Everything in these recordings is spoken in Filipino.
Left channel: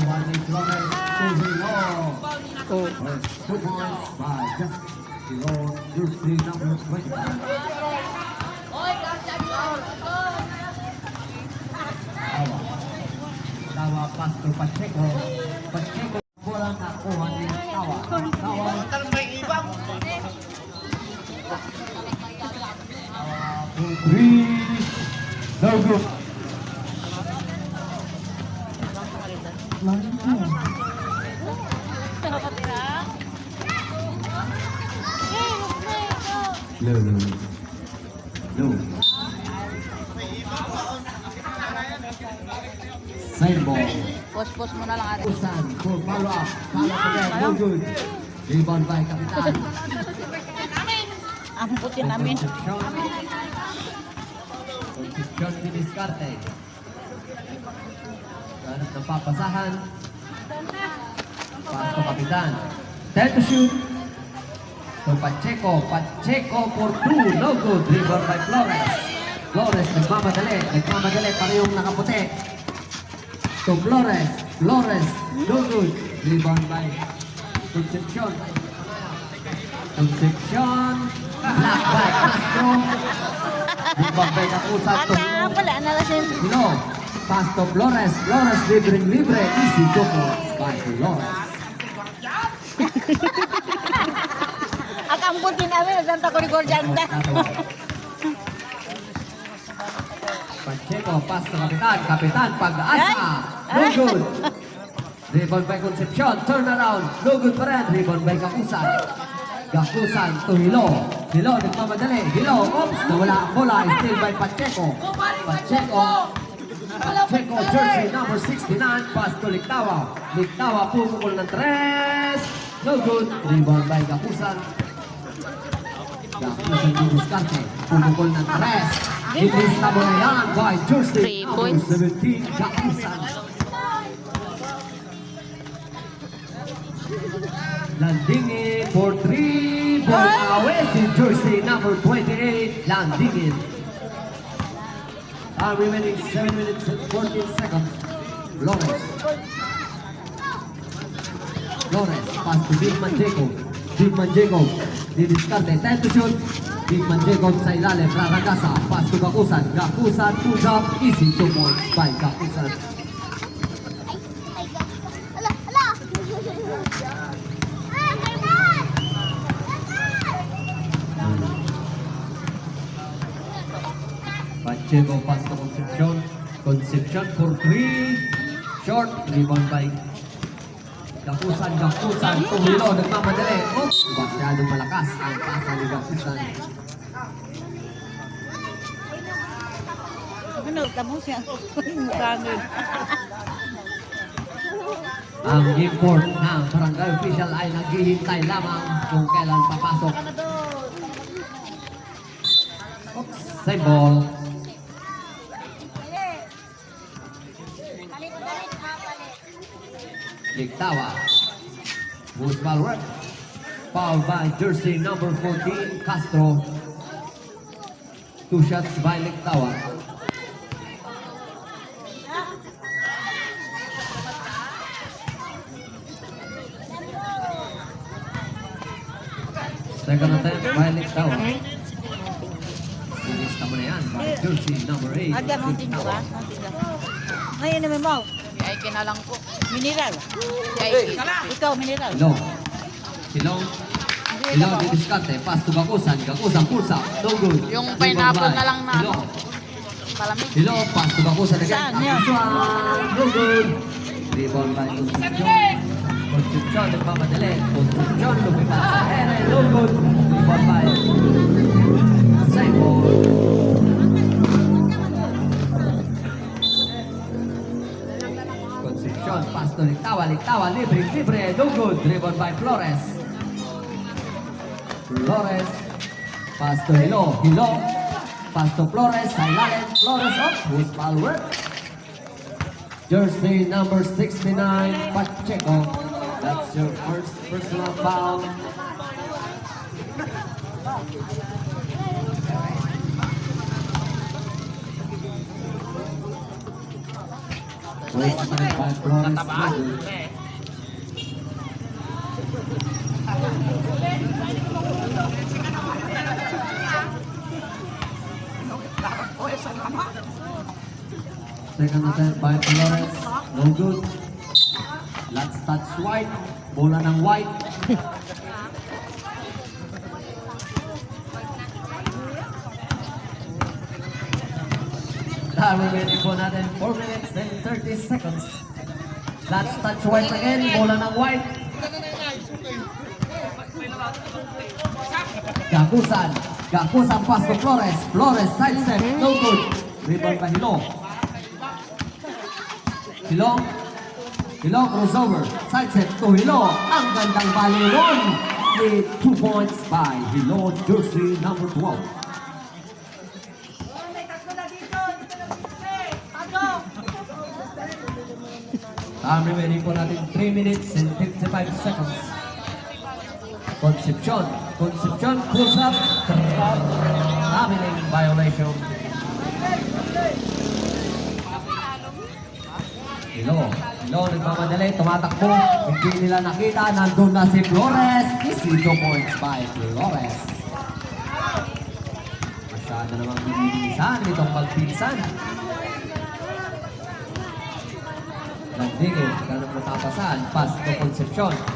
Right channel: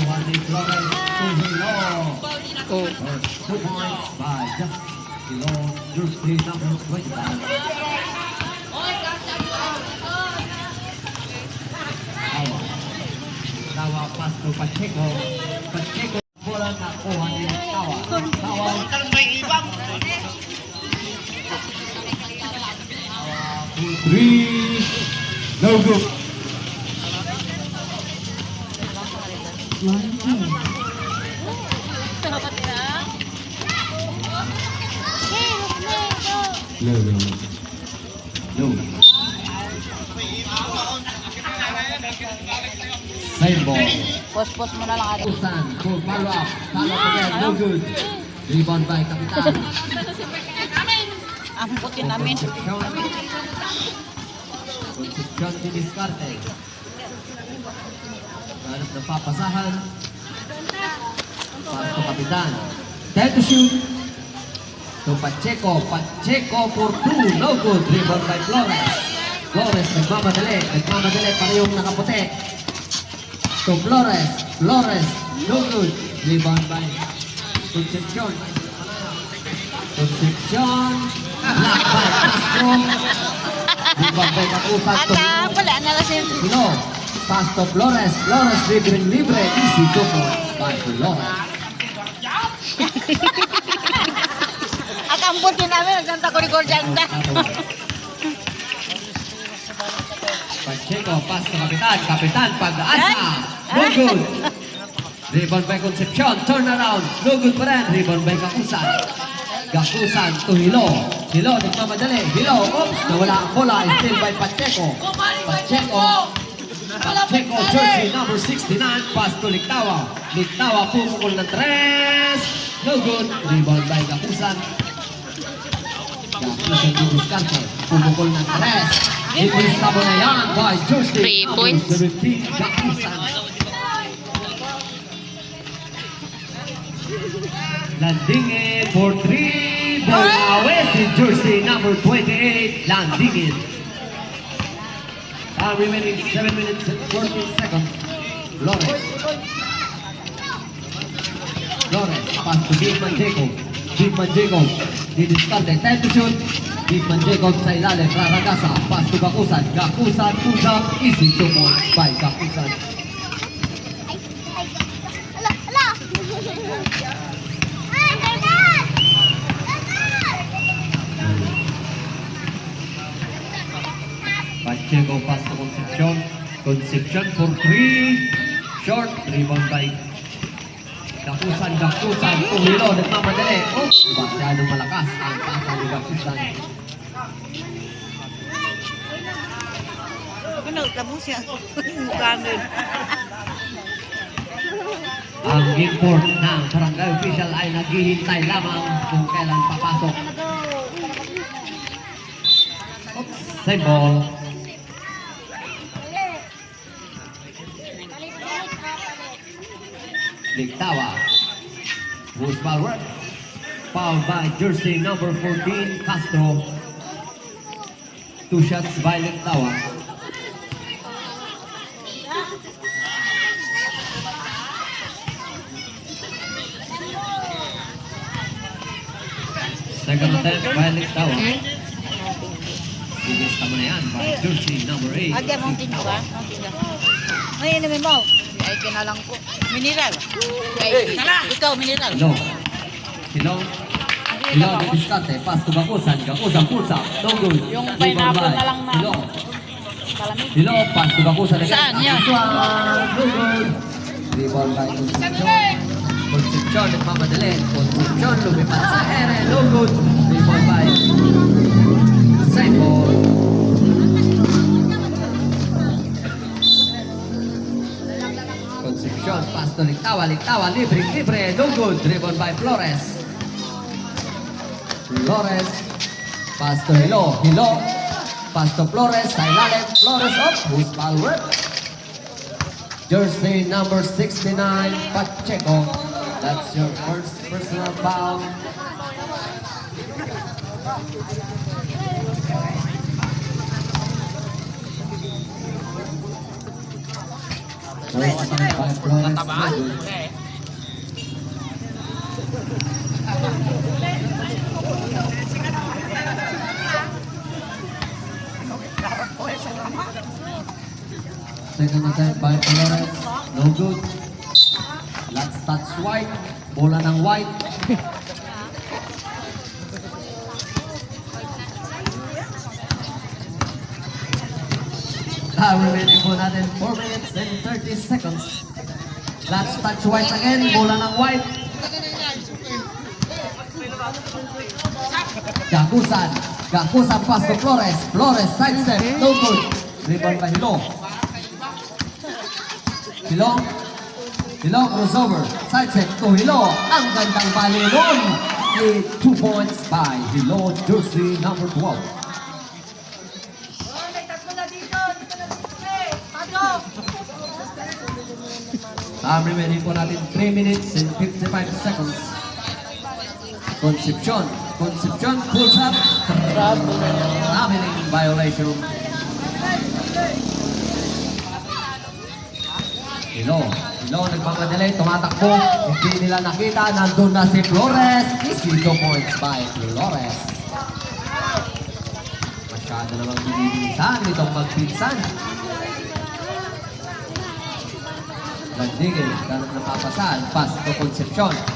nakuha ni Flores Tuzilo. Oh. 2 points by just below jersey number 25. Tawa pass to Pacheco. Pacheco bola nakuha ni Tawa. Tawa. Three. No good. No. Same ball. Post mo na lang ate. Usan, for follow up. Follow up again. No good. Rebound by Kapitan. Ang putin namin. Concepcion to diskarte. Hanap ng papasahan. Para sa Kapitan. Time to shoot. To Pacheco. Pacheco for 2. No good. Rebound by Flores. Flores nagmamadali. Nagmamadali para yung nakaputi. To Flores. Flores. No good. Rebound by Concepcion. Concepcion. Block by Castro. Rebound by Kapusan. To Wala na lang siya. Hilo. Pass to Flores. Flores libre. Easy 2 points by Flores. At ang putin namin. Nagsanta ko ni Gorjanda. Pacheco, pass to Kapitan. Kapitan, pag-asa. No good. Rebound by Concepcion. Turn around. No good pa rin. Rebound by Gakusan. Gakusan to Hilo. Hilo, nagmamadali. Hilo, oops. Nawala ang bola. Still by Pacheco. Pacheco. Pacheco, jersey number 69. Pass to Ligtawa. Ligtawa, pumukol ng 3. No good. Rebound by Gakusan. Gakusan to Discarte. Pumukol ng 3. Ilista mo na yan by jersey 3 points. number 17. Gakusan. Landingin for 3. Ball away si jersey number 28. Landingin. Remaining 7 minutes and 14 seconds. Flores. Flores. Pass to Bigman Jacob. Bigman Jacob. Didiskarte. Time to shoot. Bigman Jacob sa ilalim. Raragasa. Pass to Gakusan. Gakusan to jump. Easy 2 points by Gakusan. Pacheco pass to Concepcion. Concepcion for 3. Short. Rebound by Gakusan. Gakusan. Tumilo. Nagmamadali. Oops. Masyadong malakas ang pasa ni Gakusan. Ano, tamo siya. Mukha nun. Ang import ng barangay official ay naghihintay lamang kung kailan papasok. Oops. Same ball. Ligtawa. Who's ball work? Fouled by jersey number 14, Castro. 2 shots by Ligtawa. Second attempt by Ligtawa. Ilista mo na yan by jersey number 8. Agad mong tinyo ka? Ngayon namin mo. Ay, kinalang ko. Mineral. Ay, ikaw, mineral. Silong. Silong. Silong, didiskarte. Pass to Gakusan. Gakusan, pulsa. No good. Yung Rebound pineapple by na lang na. Silong. Palamig. Silong, pass to Gakusan again. Saan yan? No good. Rebound by Concepcion. Concepcion, nagmamadali. Concepcion, lumipat sa ere. No good. Rebound by Simon. Concepcion, pass to Ligtawa. Ligtawa, libre. No good. Rebound by Flores. Flores. Pass to Hilo. Hilo. Pass to Flores. Sa ilalim. Flores up. Who's ball work? Jersey number 69, Pacheco. That's your first personal foul. Raised by Florence, no good. Second attempt by Flores, no good. Last touch white, bola ng white. Remaining po natin 4 minutes and 30 seconds. Last touch white again, bola ng white. Gakusan pass to Flores. Flores side step, no good. Rebound by Hilo crossover, side step to Hilo. Ang gandang balilon. 2 points by Hilo, jersey number 12. Time remaining po natin 3 minutes and 55 seconds. Concepcion pulls up. Traveling violation. Hilo nagmamadali, tumatakbo. Hindi nila nakita, nandun na si Flores. Easy 2 points by Flores. Masyado namang binibilisan itong magpinsan. Nagdigil, ganun napapasan. Pass to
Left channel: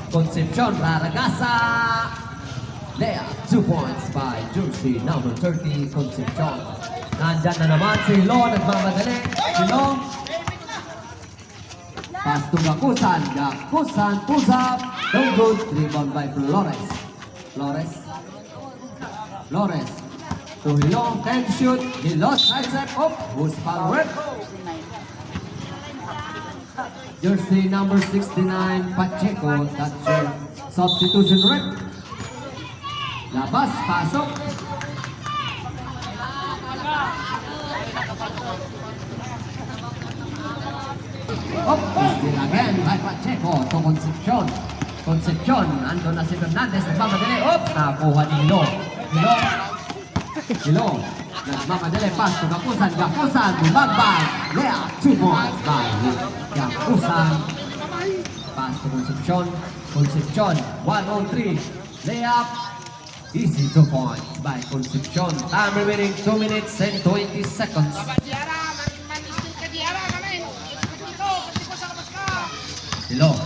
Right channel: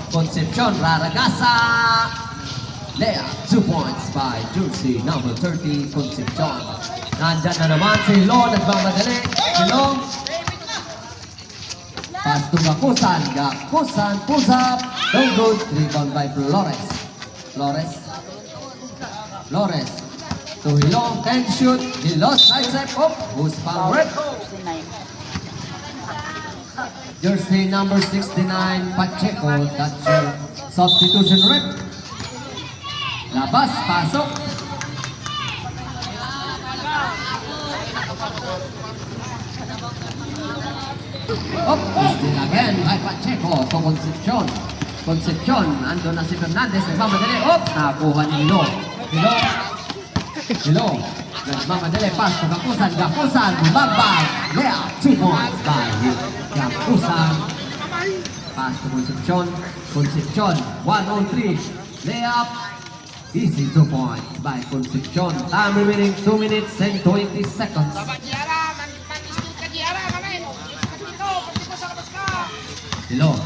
Concepcion, raragasa. Lea, 2 points by jersey number 30, Concepcion. Nandyan na naman si Hilo, nagmamadali. Hilo. Pass to Gakusan, pulls up. Don't go, rebound by Flores. To Hilo, can shoot. Hilo, side step up. Who's foul rip? Jersey number 69, Pacheco, that's your substitution rep. Labas, pasok. Still again by Pacheco to Concepcion, ando na si Fernandez, nagmamadali. Nakuha ni Hilo. Nagmamadali, pass to Gakusan, bumagbay. Lea, 2 points by Gakusan. Pass to Concepcion, 1-on-3. Layup, easy 2 points by Concepcion. Time remaining 2 minutes and 20 seconds. Hilo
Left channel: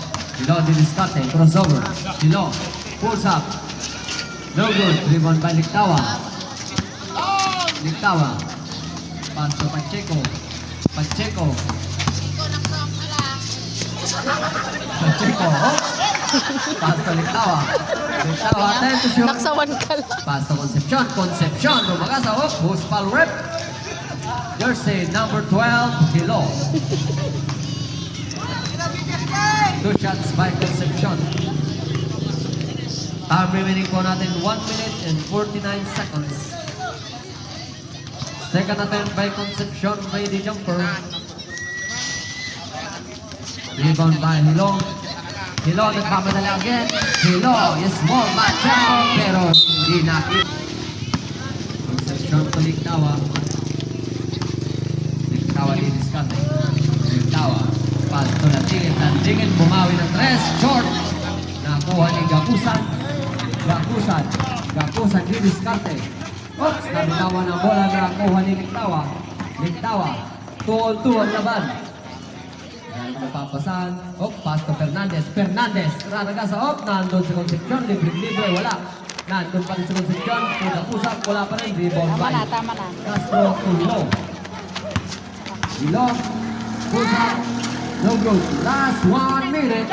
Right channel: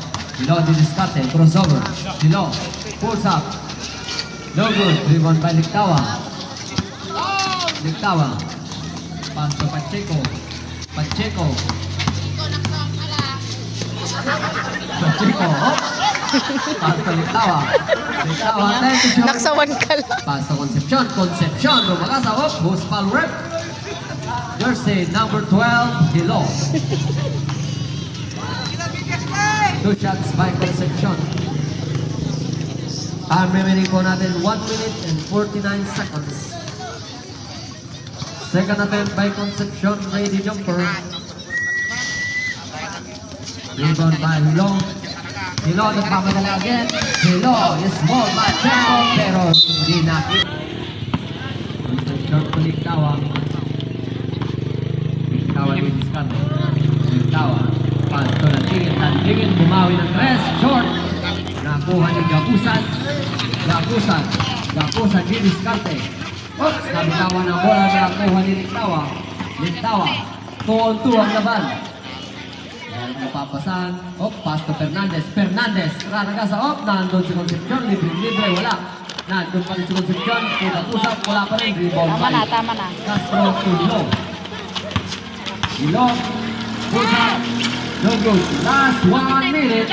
didiskarte, crossover. Hilo, pulls up. No good, rebound by Lictawa. Pass to Pacheco. Pacheco, pass to Lictawa, 30 shots. Naksawan ka lang. Pass to Concepcion, lumagasa, who's foul rep? Jersey number 12, Hilo. 2 shots by Concepcion. Remaining po natin 1 minute and 49 seconds. Second attempt by Concepcion, lady jumper. Rebound by Hilo. Hilo nagpapadala again. Hilo, small man tempo, pero hindi nakit. Concepcion to Lictawa didiskarte. Lictawa, pass to Nandingin, bumawi ng 3, short. Nakuha ni Gakusan didiskarte. Nabitawan ang bola na nakuha ni Lictawa. 2-on-2 ang laban. Napapasan. Pass to Fernandez. Raragasa, nandun si Concepcion. Libre, wala. Nandun pa rin si Concepcion. Gakusan, wala pa rin. Rebound by Tama na. Castro to Hilo. Pulls up. No good. Last 1 minute.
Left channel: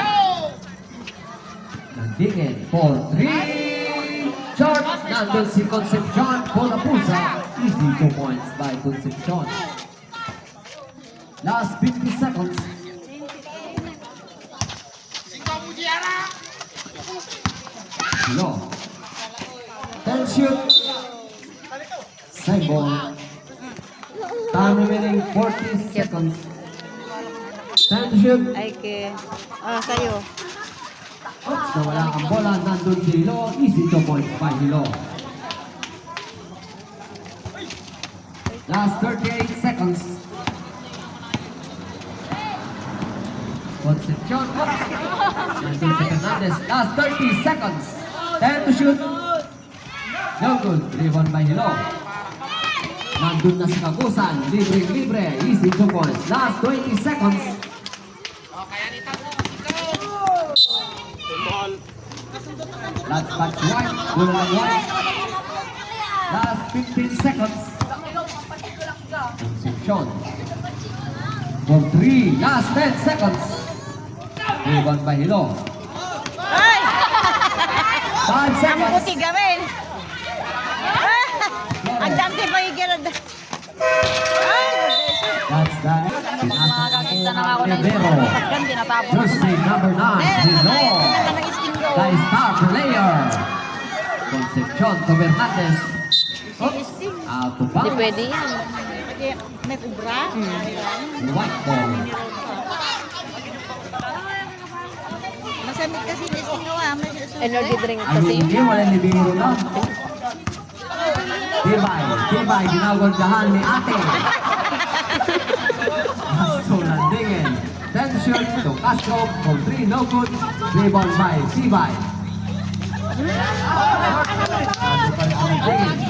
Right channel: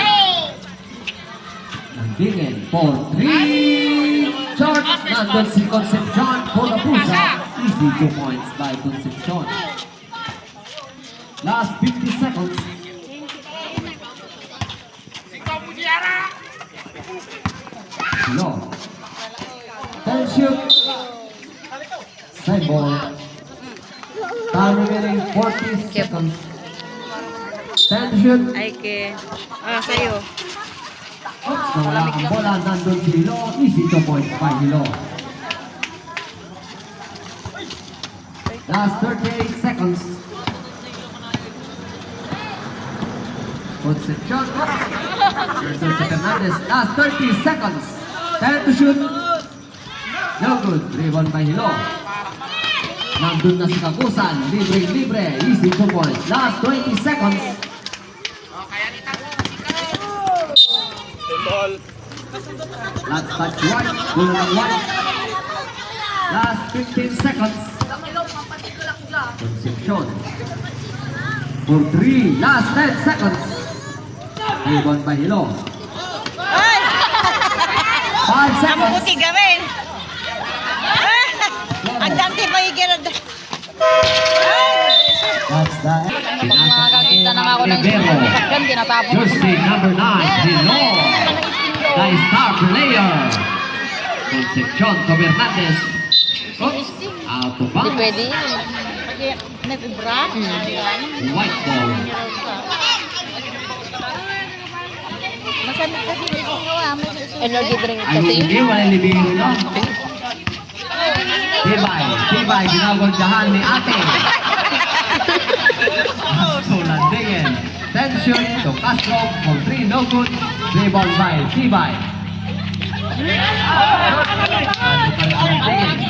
Nandingin for 3. Short. Nandun si Concepcion. Bola pusa. Easy 2 points by Concepcion. Last 50 seconds. Hilo. 10 shoot. Side ball. Time remaining 40 seconds. 10 shoot. Ay, sa'yo. Nawala ang bola. Nandun si Hilo. Easy 2 points by Hilo. Last 38 seconds. Concepcion. Nandun si Fernandez. Last 30 seconds. Time to shoot. No good. Rebound by Hilo. Nandun na si Kagusan. Libre. Easy 2 points. Last 20 seconds. Last touch 1. Good 1. Last 15 seconds. Concepcion. For 3. Last 10 seconds. Rebound by Hilo. 5 seconds. Mabuti gawin. Ang dante pa higirad. That's that. Pinasok ang Rivero. Ganda natapos. Jersey number 9, Hilo. The star player. Concepcion to Hernandez. Oops. Out of bounds. Pwede yan. May ubra. White ball. Masamit kasi dito nga. Energy drink Ay, hindi. Walang libero lang. Tibay. Ginagoldahan ni ate. So, landingin. Tension to Castro for 3. No good. Rebound by Tibay.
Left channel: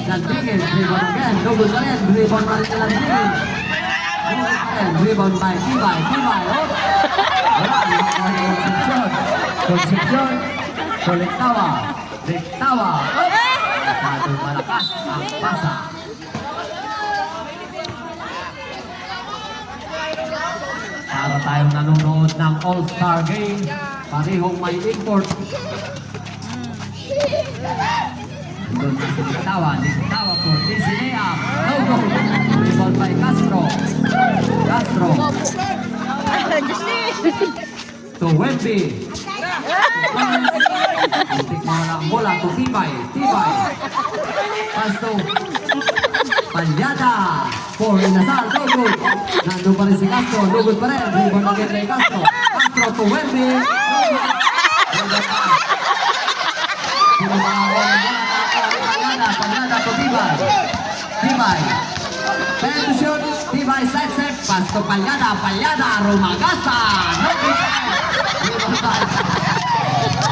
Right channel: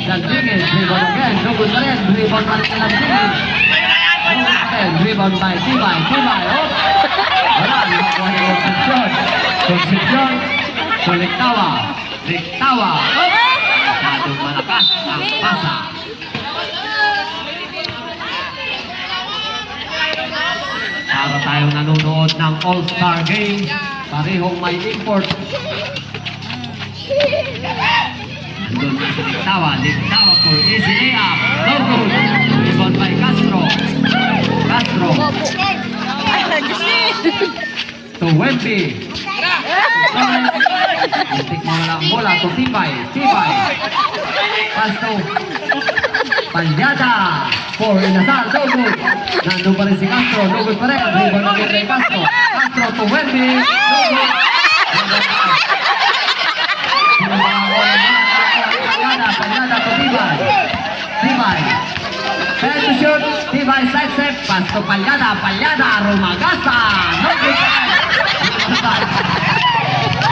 Landingin. Rebound again. No good pa rin. Rebound pa rin landingin. Rebound by Tibay. Oh. Wala. Ginagawa ni Concepcion. So, Lictawa. Masyadong malakas ang pasa. Para tayong nanonood ng All-Star Game, parehong may import. Doon na si Lictawa for easy layup. No goal. Rebound by Castro. To Wemby. Muntik mawala ang bola to Tibay. Castro. Palyada. For Inasal. No good. Nandun pa rin si Castro. No good pa rin. Rebound again kay Castro. Castro to Wemby. No good. Palyada to Tibay. Time to shoot. Tibay side step. Pass to Palyada. Rumagasa. No good.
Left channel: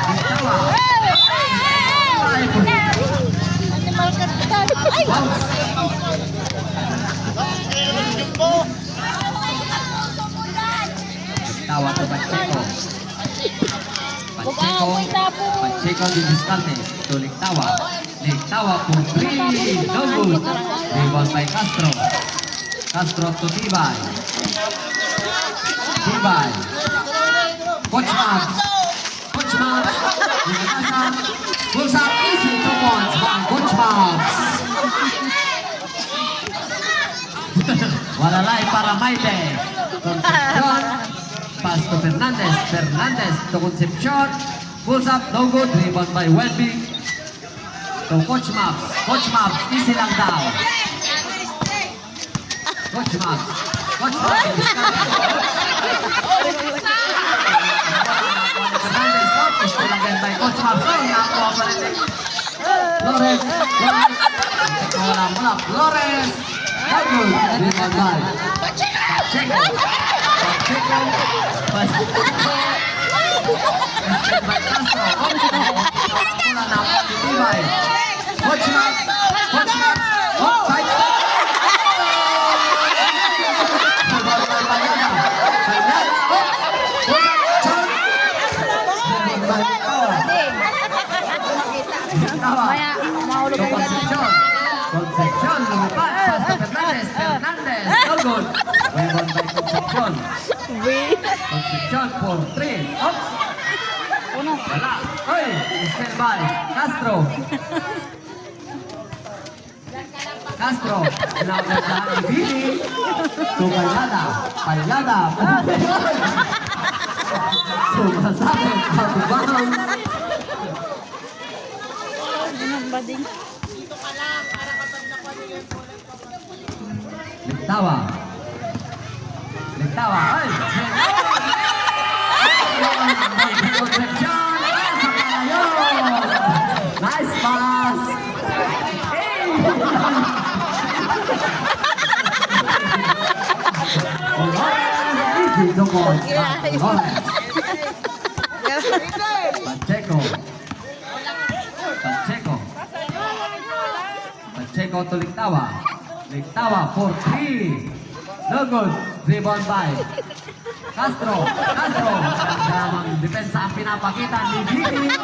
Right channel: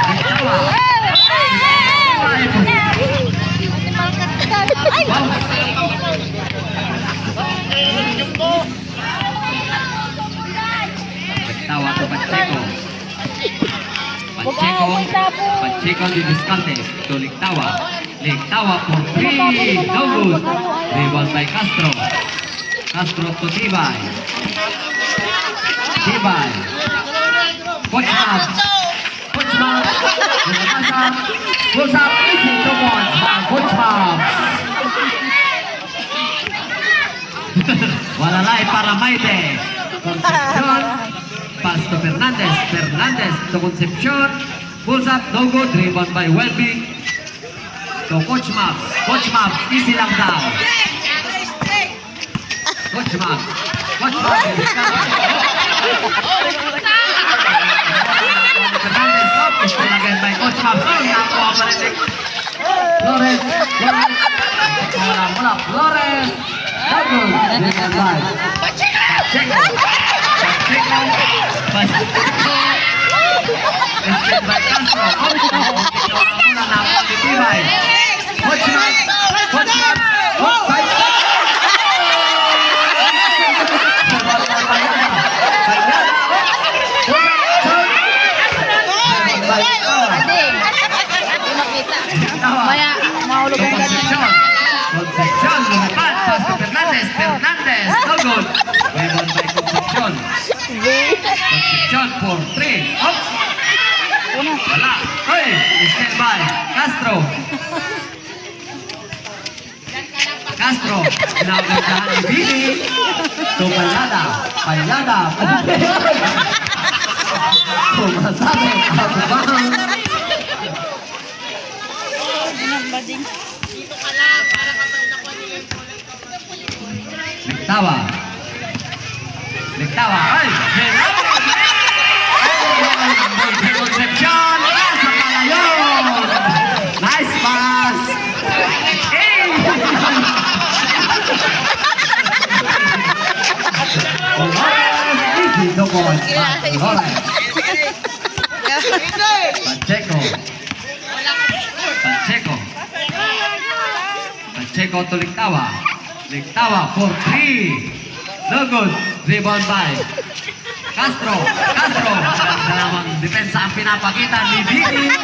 Lictawa. Bounce. Lictawa to Pacheco. Pacheco di diskarte to Lictawa for 3. No good. Rebound by Castro to Tibay. Coach Mabs. Pulls up easy 2 points by Coach Mabs. Walalay para Maite. Concepcion. Pass to Fernandez to Concepcion. Pulls up, no good. Rebound by Welby. To Coach Mabs, easy lang daw. Coach Mabs. Fernandez, is still again by Coach Mabs. Nakuha pa rin. Flores. Mula. Flores. No good. Rebound by Pacheco. Instead by Castro. Mula na ako ni Tibay. Coach Mabs. Concepcion, lumipad, pass to Fernandez, no good. Rebound by Concepcion for 3. Oops! Wala. Oy! Stand by. Castro. Pinagagahan ni Billy. To Palyada. Sumasabi. Lictawa. Ay! Concepcion. Sa palayon. Nice pass. Easy, no points. Pacheco to Lictawa. Lictawa for 3. No good. Rebound by Castro. Castro. Ganda namang depensa ang pinapakita ni Didi.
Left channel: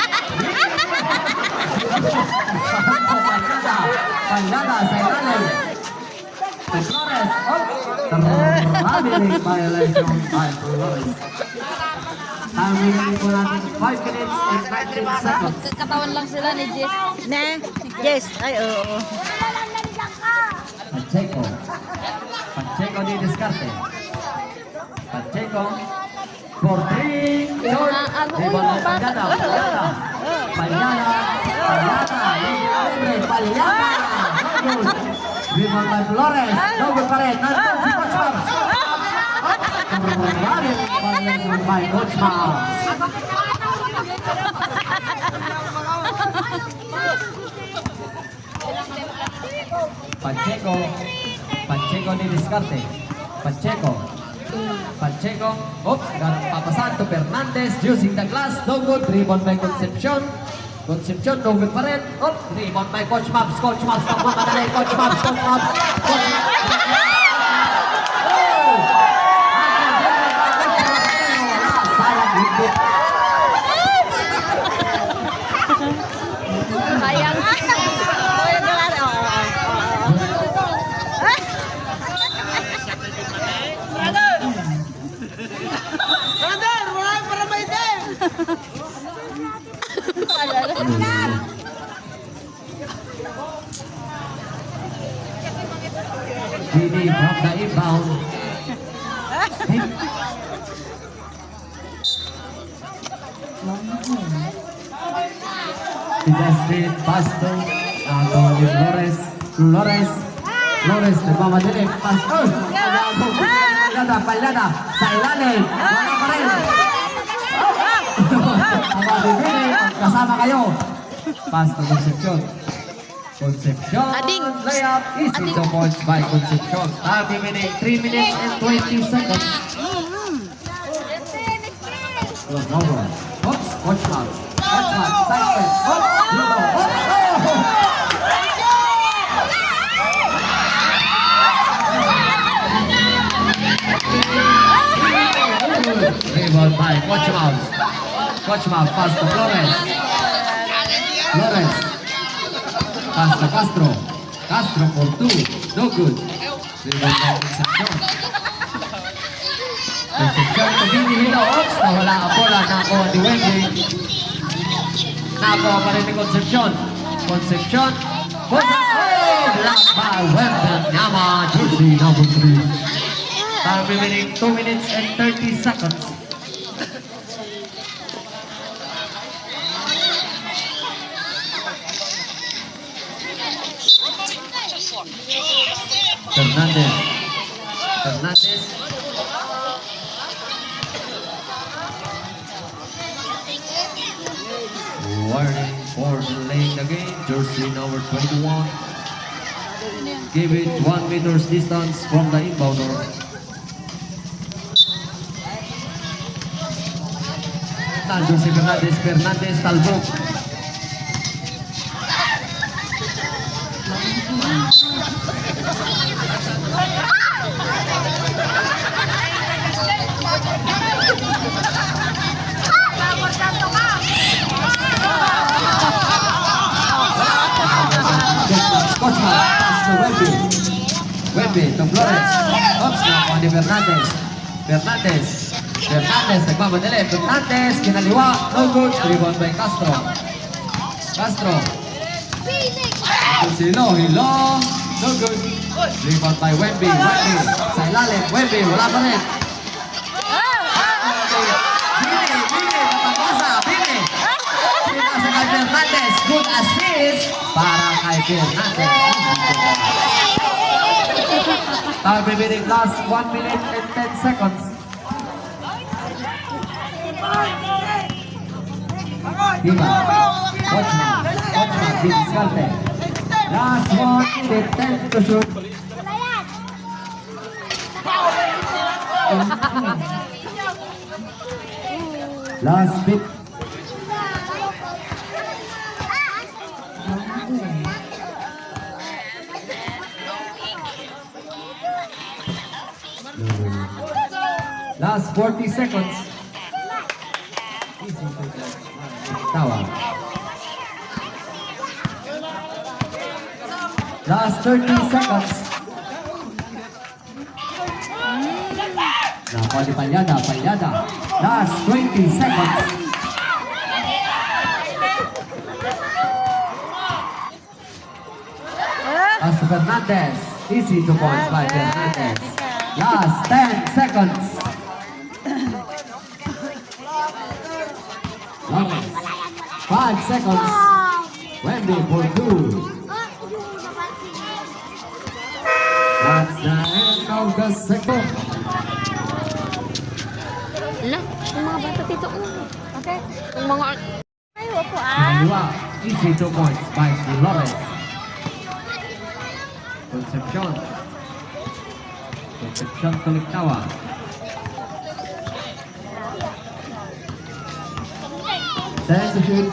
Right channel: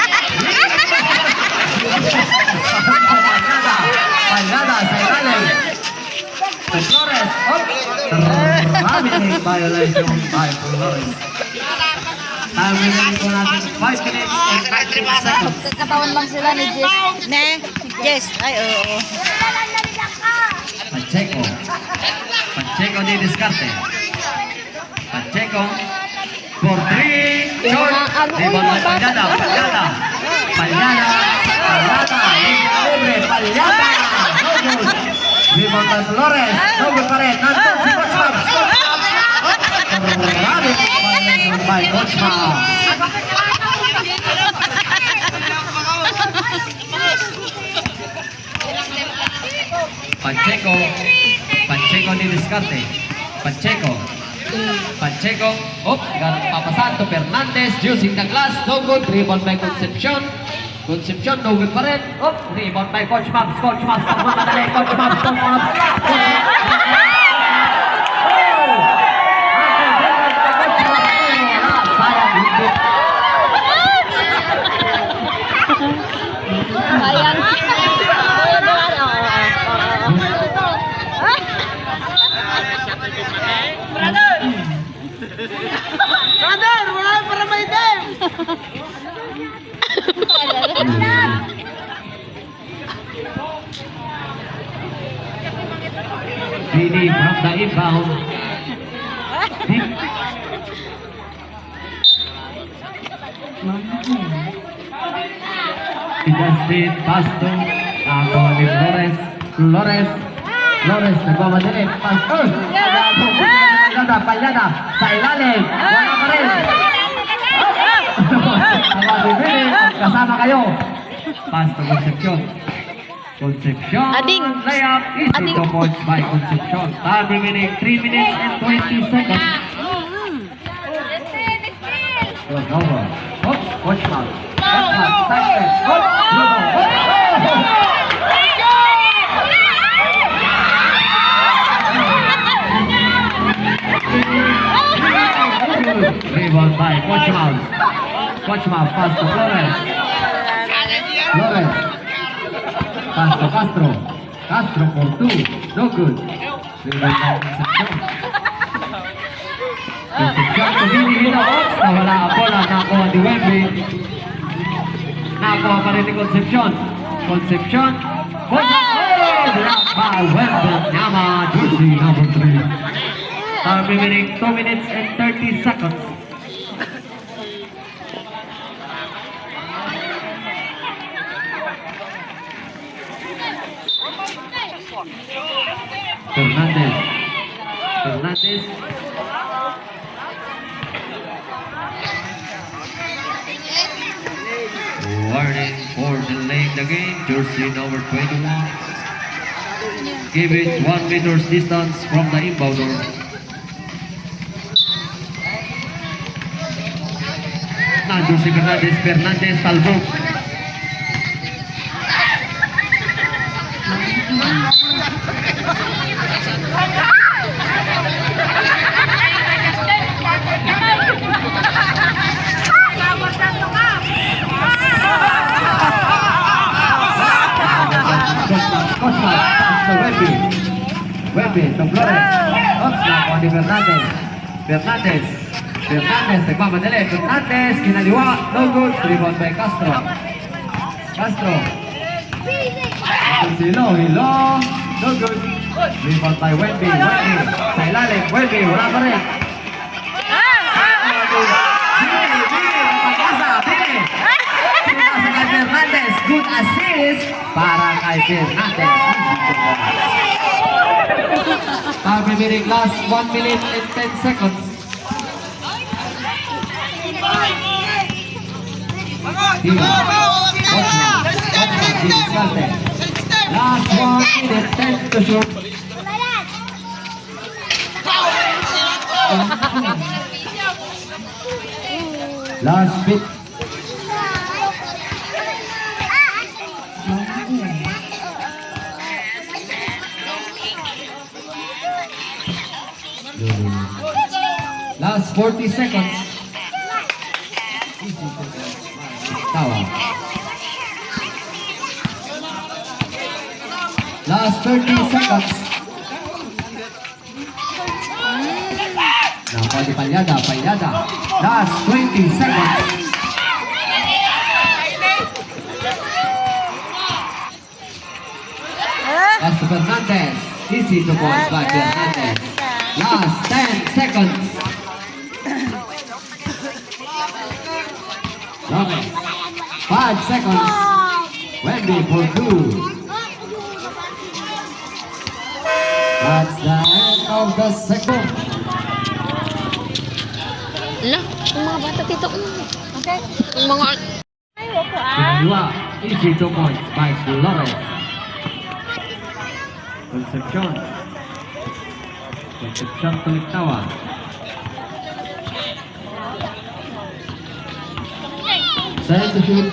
Palgada sa ilalim. Flores. Family violation by Flores. Time remaining po natin 5 minutes and 19 seconds. Katawan lang sila ni Jess. Ne? Jess. Ay, oo. Pacheco. Pacheco di diskarte. Pacheco for 3. Short. Rebound by Palyada. Palyada. Palyada. Palyada. Palyada. Rebound by Flores. No good pa rin. Nandun si Coach Mab. Violation by Coach Mab. Pacheco. Pacheco di diskarte. Pacheco. Pacheco. Oh, papasan to Fernandez using the glass. No good. Rebound by Concepcion. Concepcion, no good pa rin. Oh, rebound by Coach Mabs. Coach Mabs. Nagmamadali. Coach Mabs. Coach Mabs. Coach Mabs. Oh! Rebound by Coach Mabs. Wala. Sayang. Hindi. Sayang. Kuya Duran. Brother, wala para may time. Didi from the inbound. Justin Pasto. Agawa ni Flores. Flores. Flores nagmamadali. Pasto. Palyada. Palyada. Sa ilalim. Wala pa rin. Agawa ni Billy. Kasama kayo. Pasto Concepcion. Concepcion. Ading. Layup is Ading. 2 points by Concepcion. Time remaining 3 minutes and 20 seconds. Turnover. Oops. Watch out. Watch out. Side. Oops. Rebound by Coach Mouse. Coach Mouse pass to Flores. Flores. Pass to Castro. Castro for 2. No good. Rebound by Concepcion. Concepcion to Didi Hilo. Oops. Nawala ang bola. Nakuha ni Wendy. Nakuha pa rin ni Concepcion. Concepcion. Blocked by Wendy Nyama. Jersey number 3. Time remaining 2 minutes and 30 seconds. Fernandez. Fernandez. Warning for delaying the game. Jersey number 21. Give it 1 meter's distance from the inbounder. Nandun si Fernandez. Fernandez talbog. Cosman, pass to Wendy. Wendy to Flores. Oops, nakuha ni Fernandez. Fernandez. Fernandez, nagmamadali. Fernandez, kinaliwa. No good. Rebound by Castro. Castro. Hilo. Hilo. No good. Rebound by Wendy. Wendy. Sa ilalim. Wendy, wala pa rin. Bili. Napag-asa. Bili. Pinasa kay Fernandez. Good assist para kay Fernandez. Time remaining last 1 minute and 10 seconds. Diba? Watchman. Watchman. Diniscarte. Last 1 minute 10 to shoot. Last bit. Last 40 seconds. Easy to go. Tawa. Last 30 seconds. Nakuha ni Palyada. Last 20 seconds. Pastor Fernandez. Easy to points by Fernandez. Last 10 seconds. Lawrence. 5 seconds. Wendy for 2. That's the end of the second. Ala, yung mga bata dito. Okay. Yung mga... Ay, wako Dua. Easy to points by Lawrence. Concepcion. Concepcion Kuliktawan. Time to shoot.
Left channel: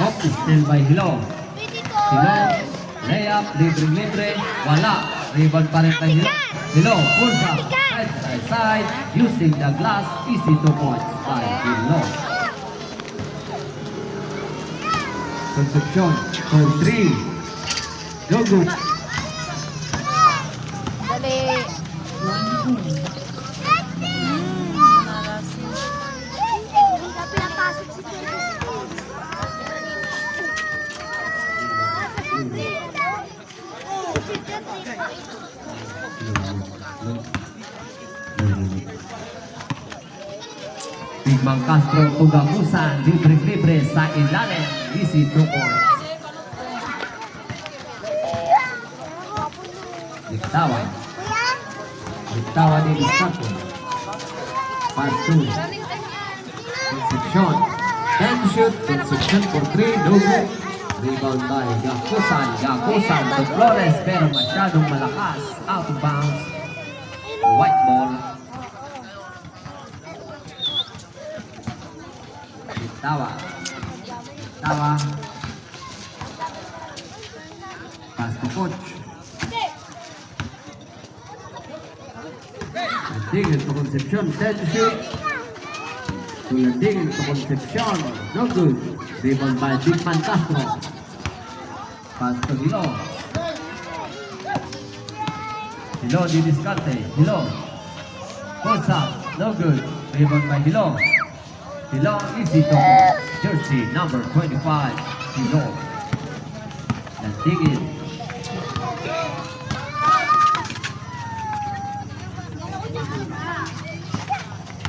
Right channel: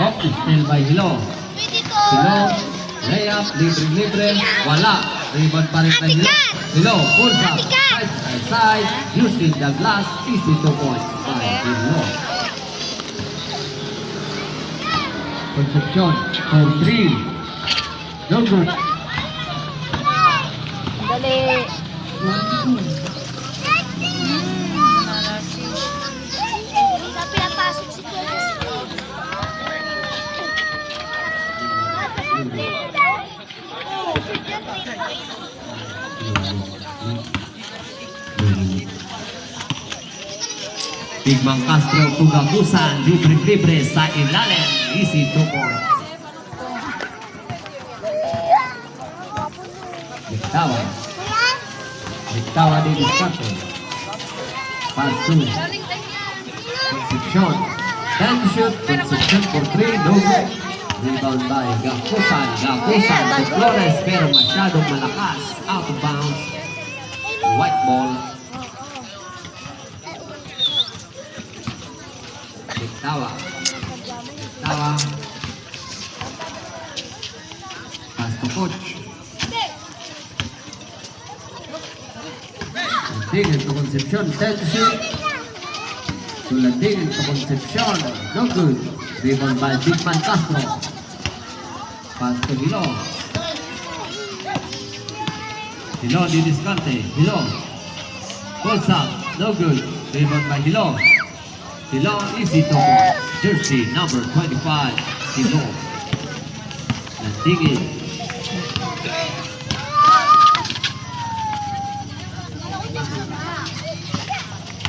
Off is still by Hilo. Hilo. Layup. Libre. Wala. Rebound pa rin kay Hilo. Hilo. Pulsa. Side by side. Using the glass. Easy to points by Hilo. Concepcion for 3. No good. Dali. Narasi. Igmang Castro Pugamusan. Libre sa ilalim. Easy to points. Diktawa di Discato. Pass 2. Concepcion. 10 shoot. Concepcion for 3. No good. Rebound by Gakusan to Flores pero masyadong malakas. Out of bounds. White ball. Diktawa. Pass to coach. Landingin to Concepcion. 10 to shoot. Landingin to Concepcion. No good. Rebound by Bigman Castro. Pass to Hilo. Hilo di diskarte. Hilo. Goes up. No good. Rebound by Hilo. Hilo easy to go. Jersey number 25. Hilo. Landingin.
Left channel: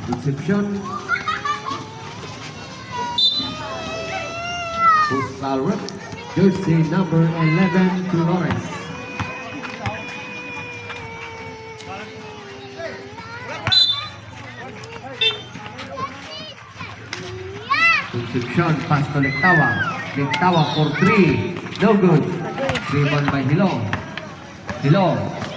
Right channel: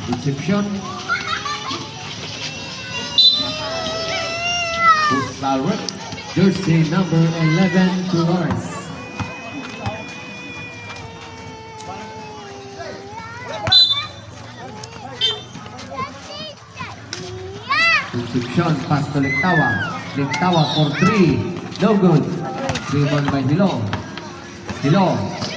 Concepcion. Puskalwet. Jersey number 11 to Lawrence. Concepcion pass to Lectawa. Lectawa for 3. No good. Rebound by Hilo. Hilo,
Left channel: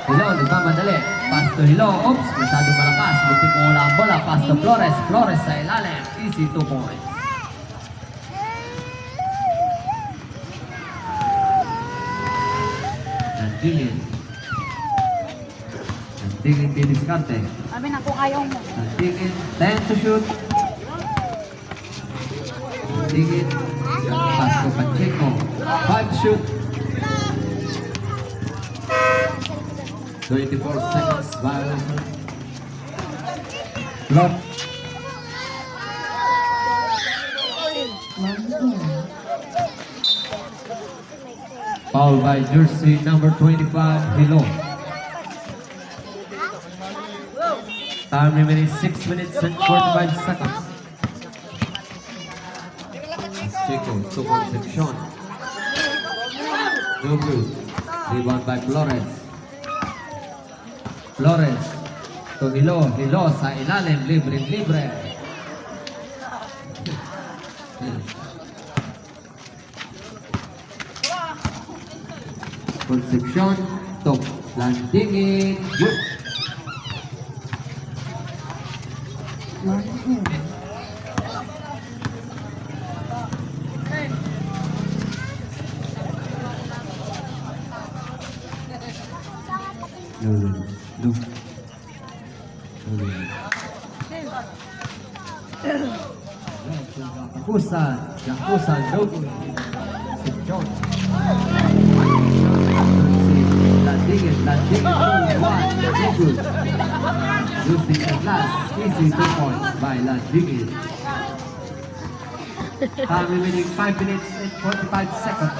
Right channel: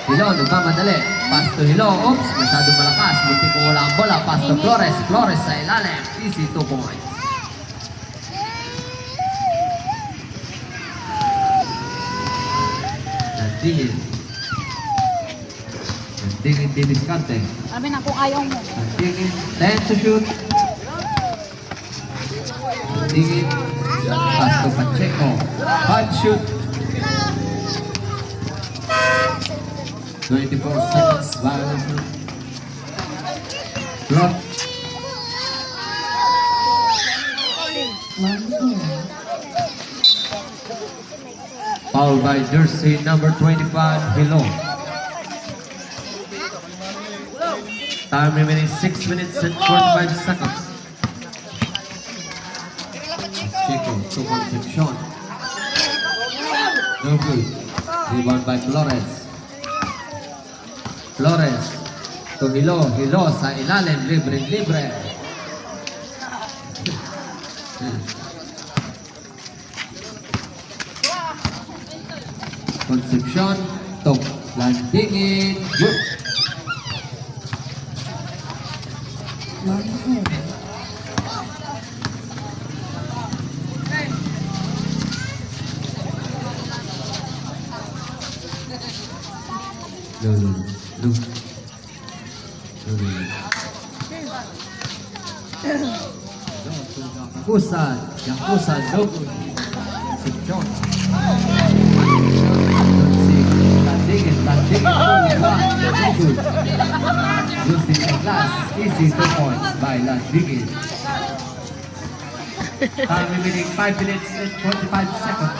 nagmamadali. Pass to Hilo. Oops, masyado malakas. Buti kung wala ang bola. Pass to Flores. Flores sa ilalim. Easy 2 points. Landingin di diskarte. Sabi na kung ayaw mo. Landingin. 10 to shoot. Landingin. Pass to Pacheco. 5 shoot. 24 seconds. Violation. Block. Foul by jersey number 25, Hilo. Time remaining 6 minutes and 45 seconds. Chico to Concepcion. No good. Rebound by Flores. Flores to Hilo. Hilo sa ilalim. Libre. Concepcion to Landingin. Good. Yakusan, Yakusan, no good. Seption. Landingin, 2-1, no good. Losing the glass, easy 2 points by Landingin. Time remaining 5 minutes and 45 seconds.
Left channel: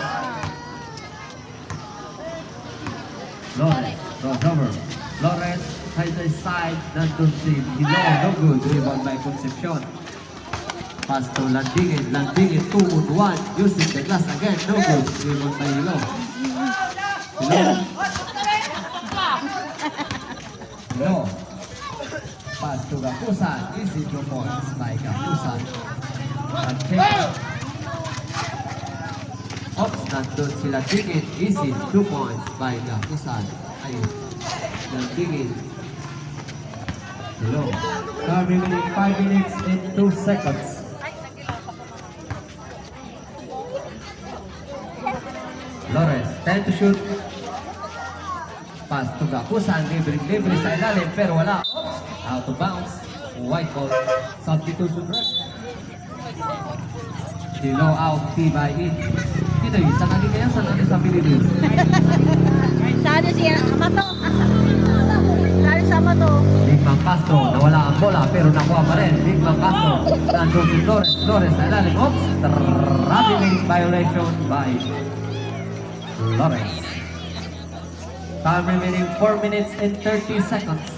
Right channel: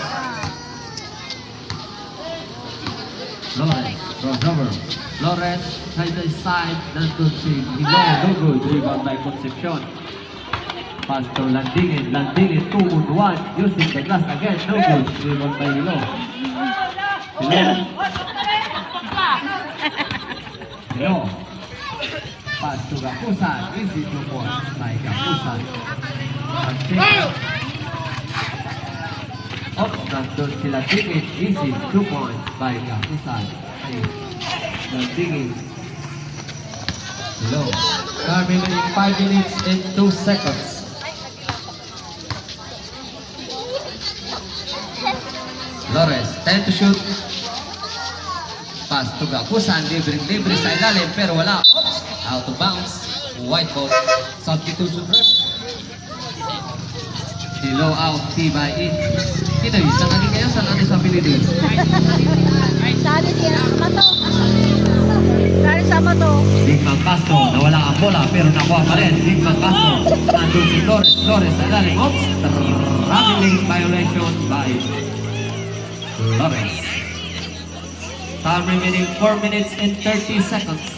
Lawrence, crossover. Lawrence, right side, Nantusin, no good. Rebound by Concepcion. Pass to Landingin, Landingin, 2-on-1, using the glass again, no good. Rebound by Hilo. Hilo. Pass to Gakusan, easy 2 points by Gakusan. Oops, nandun si Landingin, easy 2 points by Gakusan. Landingin. Hilo. Time remaining 5 minutes and 2 seconds. Lawrence, 10 to shoot. Pass to Gakusan, libre sa ilalim pero wala. Oops, out of bounds. White ball. Substitution ref. Hilo out, by in. Kinoy, saan lagi kayo? Saan natin sa Pilipinas? Sali siya sama to. Sali sama to. Digmang Castro, nawala ang bola pero nakuha pa rin. Digmang Castro, nandun si Flores. Flores sa ilalim. Oops, traveling violation by Flores. Time remaining 4 minutes and 30 seconds.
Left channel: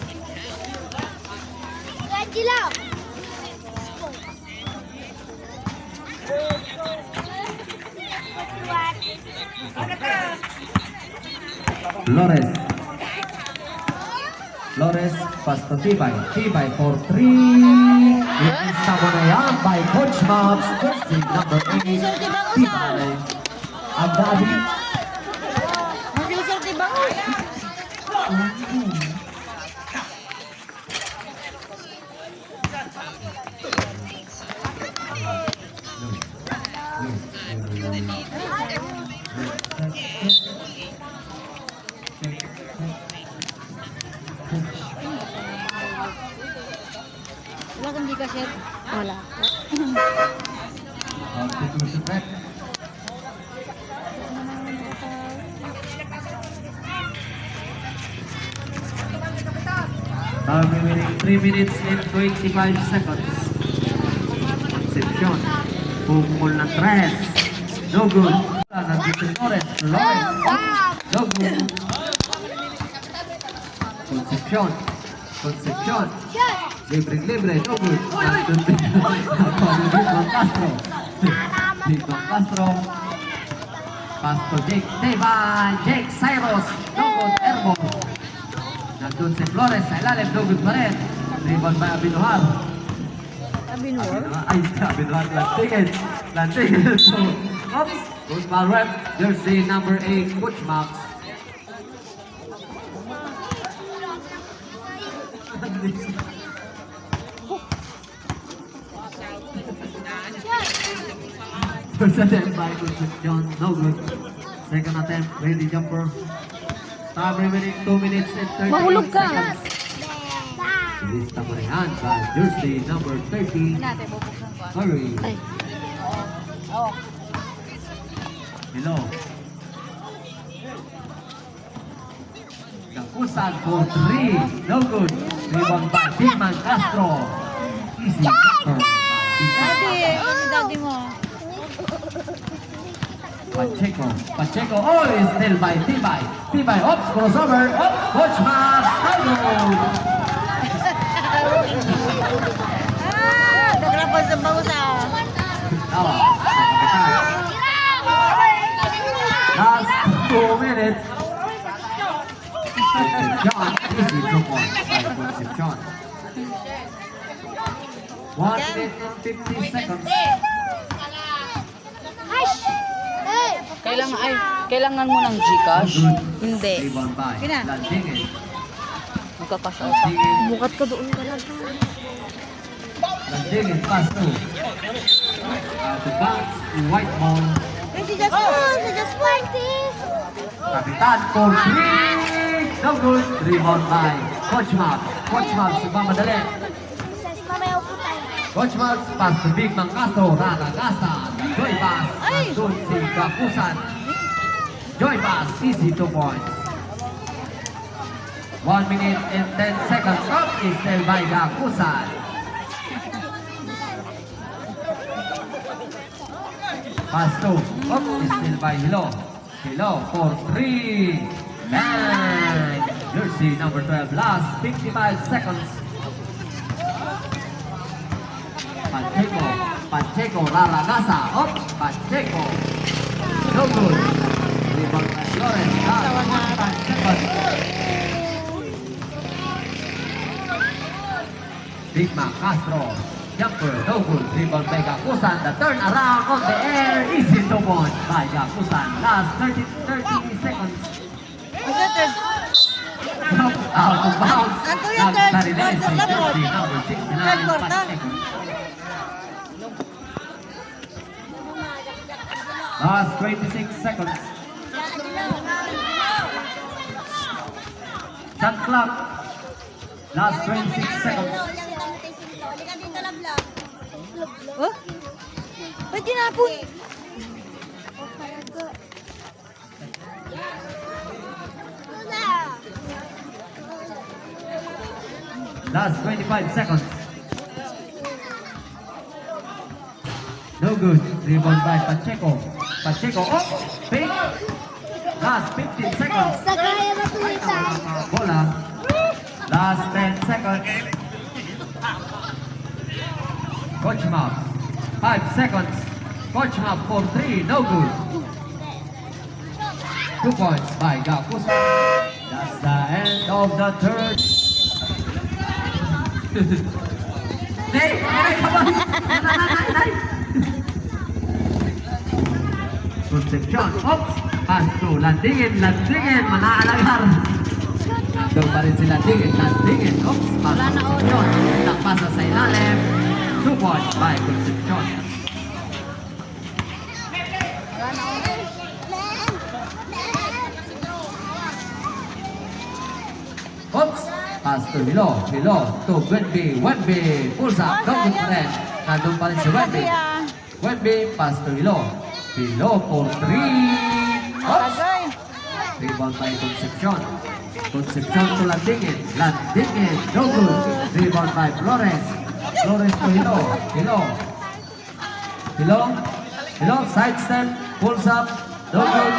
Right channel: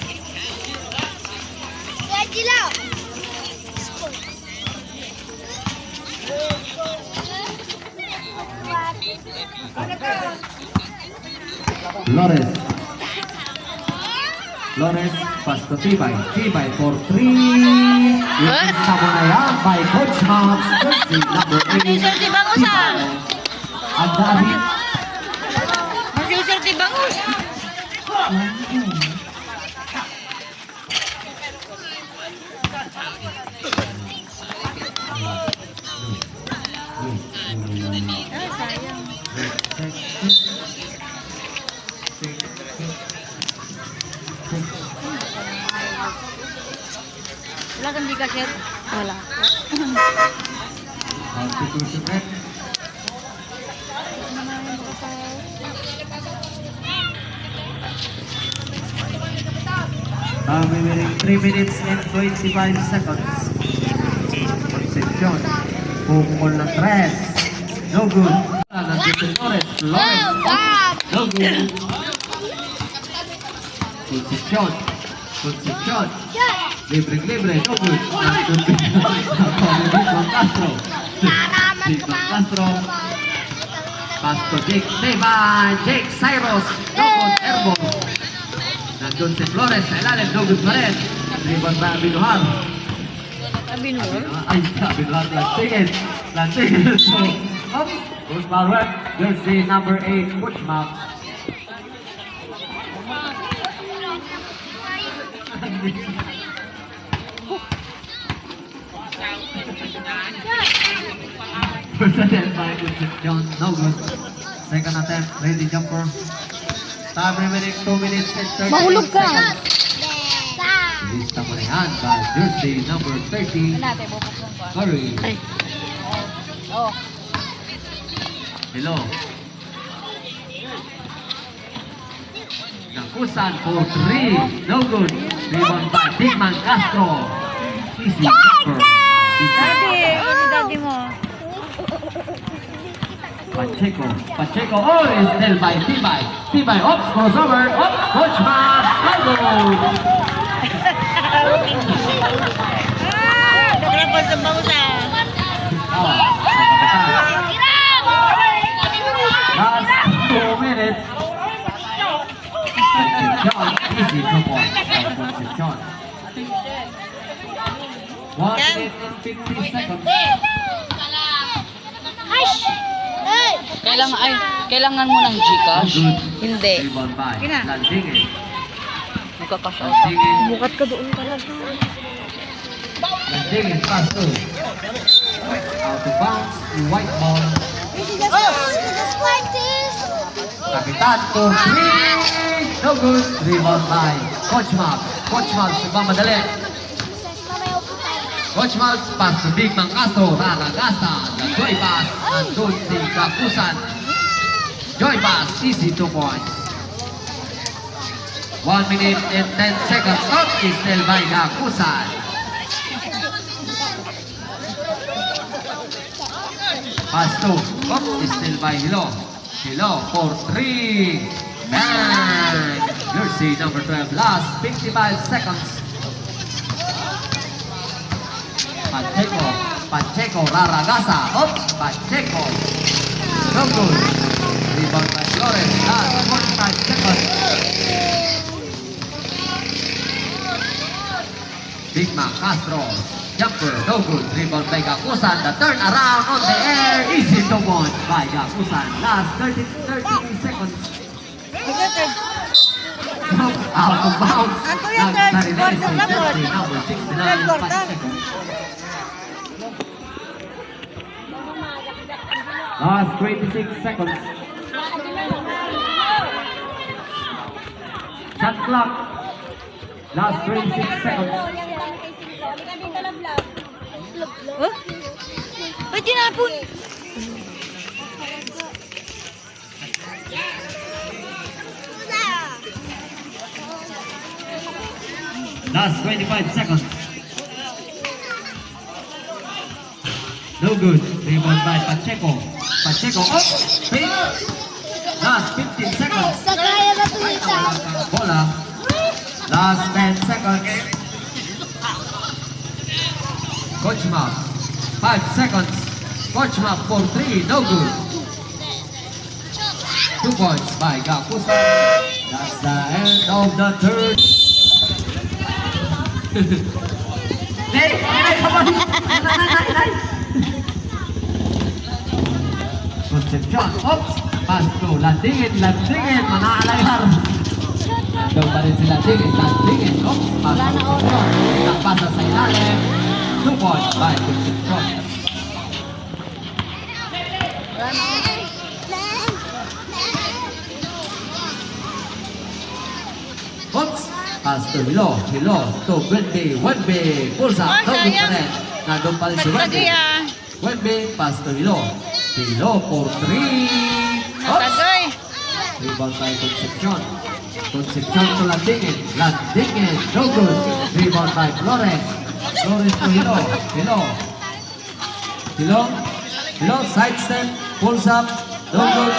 Flores. Flores, pass to Tibay. Tibay for 3. It is Sabanayang by Coach Mabs. Jersey number 8. Jersey Bangusan. Ang dami. Mag-user di bangus. Wala kang di ka share. Wala po. Substitution ref. Time remaining 3 minutes and 25 seconds. Concepcion. Pukul na 3. No good. Nandito si Lawrence. Lawrence. No good. Concepcion. Concepcion. Libre. No good. Nandun si Digmang Castro. Digmang Castro. Pass to Jake. Jake Cyrus. No good. Airball. Nandun si Flores sa ilalim, no good pa rin. Rebound ba Binuhar? Binuhar? Ay, Binuhar, Lantingin. So, oops, good foul rep. Jersey number 8, Coach Max. First attempt by Concepcion, no good. Second attempt, ready jumper. Time remaining 2 minutes and 30 Mahulog ka. seconds. Lista mo yan by Jersey number 30, Natin, bubuksan ko. Curry. Ay. Oh. Hello. Gakusan for 3, no good. Rebound by Digman Castro. Easy jumper. Daddy, ano daddy mo? Pacheco, oh, is still by Tibay. Tibay, oops, crossover, oops, Coach Max, elbow. Nagrapal sa bangusan. Tawa, last 2 minutes. John, easy 2 points. John. 1 minute and 50 seconds. Kailangan mo ng Gcash? Hindi. Rebound by Kina. Landingin. Magkakash out. Landingin. Bukat ka doon talaga. Landingin, pass to. Out of bounds, white ball. Kapitan for 3. No good. Rebound by Coach Max. Coach Mals, nagmamadali. Coach Mals, pass to Big Mang Castro, Raragasa, the joy pass, nandun si Gakusan. Joy pass, easy 2 points. 1 minute and 10 seconds, up is still by Gakusan. Pass to, up is still by Hilo. Hilo for 3. And jersey number 12, last 55 seconds. Pacheco, Raragasa, up, Pacheco. No good. Rebound by Flores, last 45 seconds. Big Mac Castro, jumper, no good. Rebound by Gakusan, the turn around on the air, easy to point by Gakusan. Last 30 seconds. Out of bounds. Ano yung third quarter na po? Jersey number 69, Third quarter. Pacheco. Last 26 seconds. Shot clock. Last 26 seconds. Oh? Ay, tinapon. Last 25 seconds. No good. Rebound by Pacheco. Pacheco, oh! Pin. Last 15 seconds. Bola. Last 10 seconds. Coach Map. 5 seconds. Coach Map for 3. No good. 2 points by Gakusan. That's the end of the third. Nay! Nay! Kabay! Nay! Concepcion, oops! Pass to Landingin, manaalayar! Nandun pa rin si Landingin, oops! Pass to Concepcion, nakpasa sa ilalim. 2 points by Concepcion. Oops! Pass to Hilo to Wenby, pulsa, double threat. Nandun pa rin si Wenby. Wenby, pass to Hilo for 3. Oops! Tagay. Rebound by Concepcion to Landingin, no good. Rebound by Flores to Hilo, side step, pulls up, no good.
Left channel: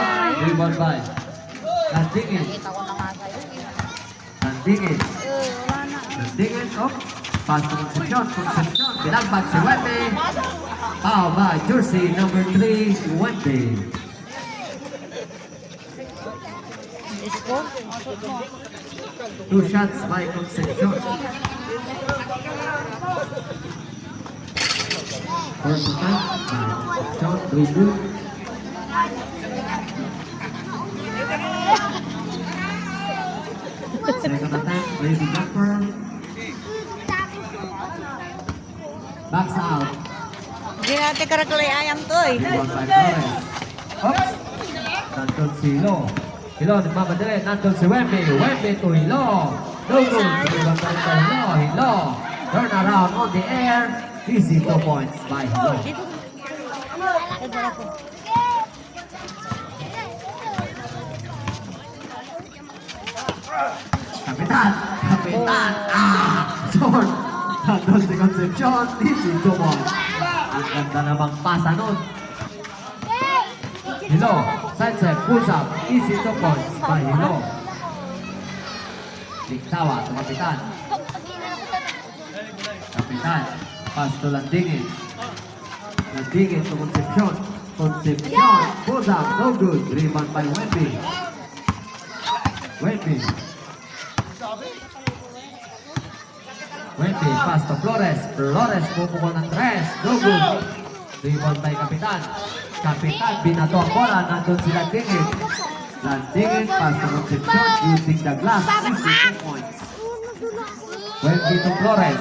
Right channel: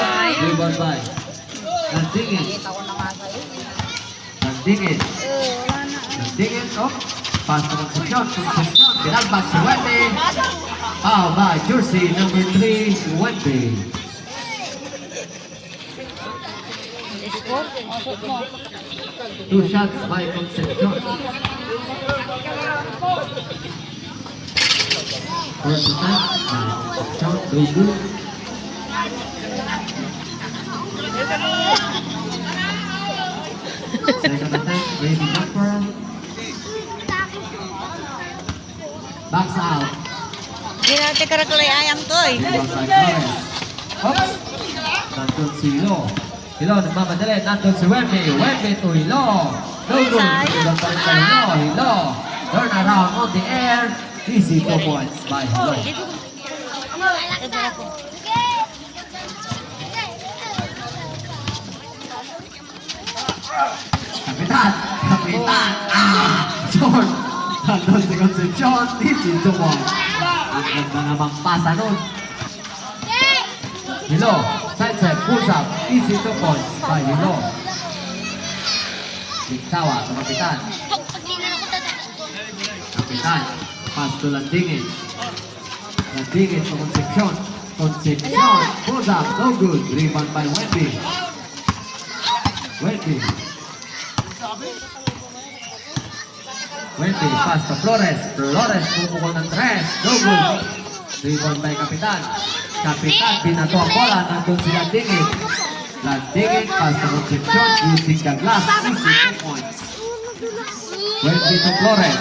Rebound by Landingin, oh, pass to Concepcion, binalbag si Wendy. How by jersey number 3, Wendy. Two shots by Concepcion. First attack, Concepcion, no good. Second attack, Lady Jumper. Backs out. Hindi natin karakulay ayang to eh. Rebound by Flores. Oops! Nandun si Hilo, nagmamadali. Nandun si Wendy to Hilo. No good. Rebound pa rin kay Hilo. Turn around on the air. Easy 2 points by Hilo. Kapitan! John! Nandun si Concepcion. Easy 2 points. Ang ganda namang pasa nun. Hilo, side pulls up, easy 2 points by Hilo. Diktawa, Kapitan. Kapitan, pass to Landingin to Concepcion. Pulls up, no good. Rebound by Wendy, pass to Flores, pupukol ng 3, no good. Rebound by Kapitan, binato ang bola, nandun si Landingin, pass to Concepcion, using the glass, easy 2 points. Wendy to Flores,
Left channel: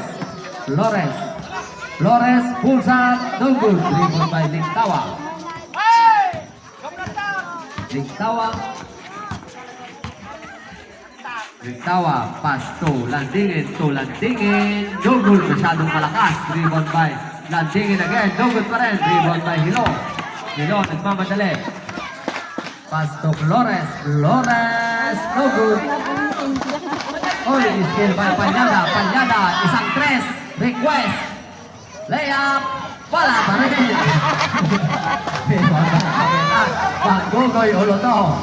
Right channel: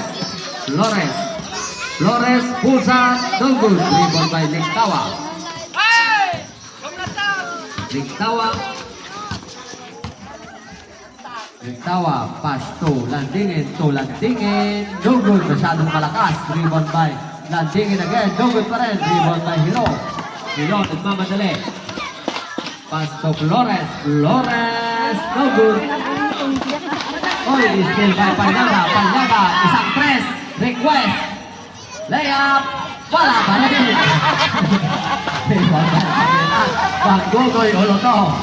pulls up, no good. Rebound by Diktawa. Tawa, pass to Landingin, no good, masyadong malakas, rebound by Landingin again, no good pa rin, rebound by Hilo. Hilo, nagmamadali. Pass to Flores, no good. Oh, still by Panlada, isang tres, request, layup, wala pa rin. Gogoy Oloto.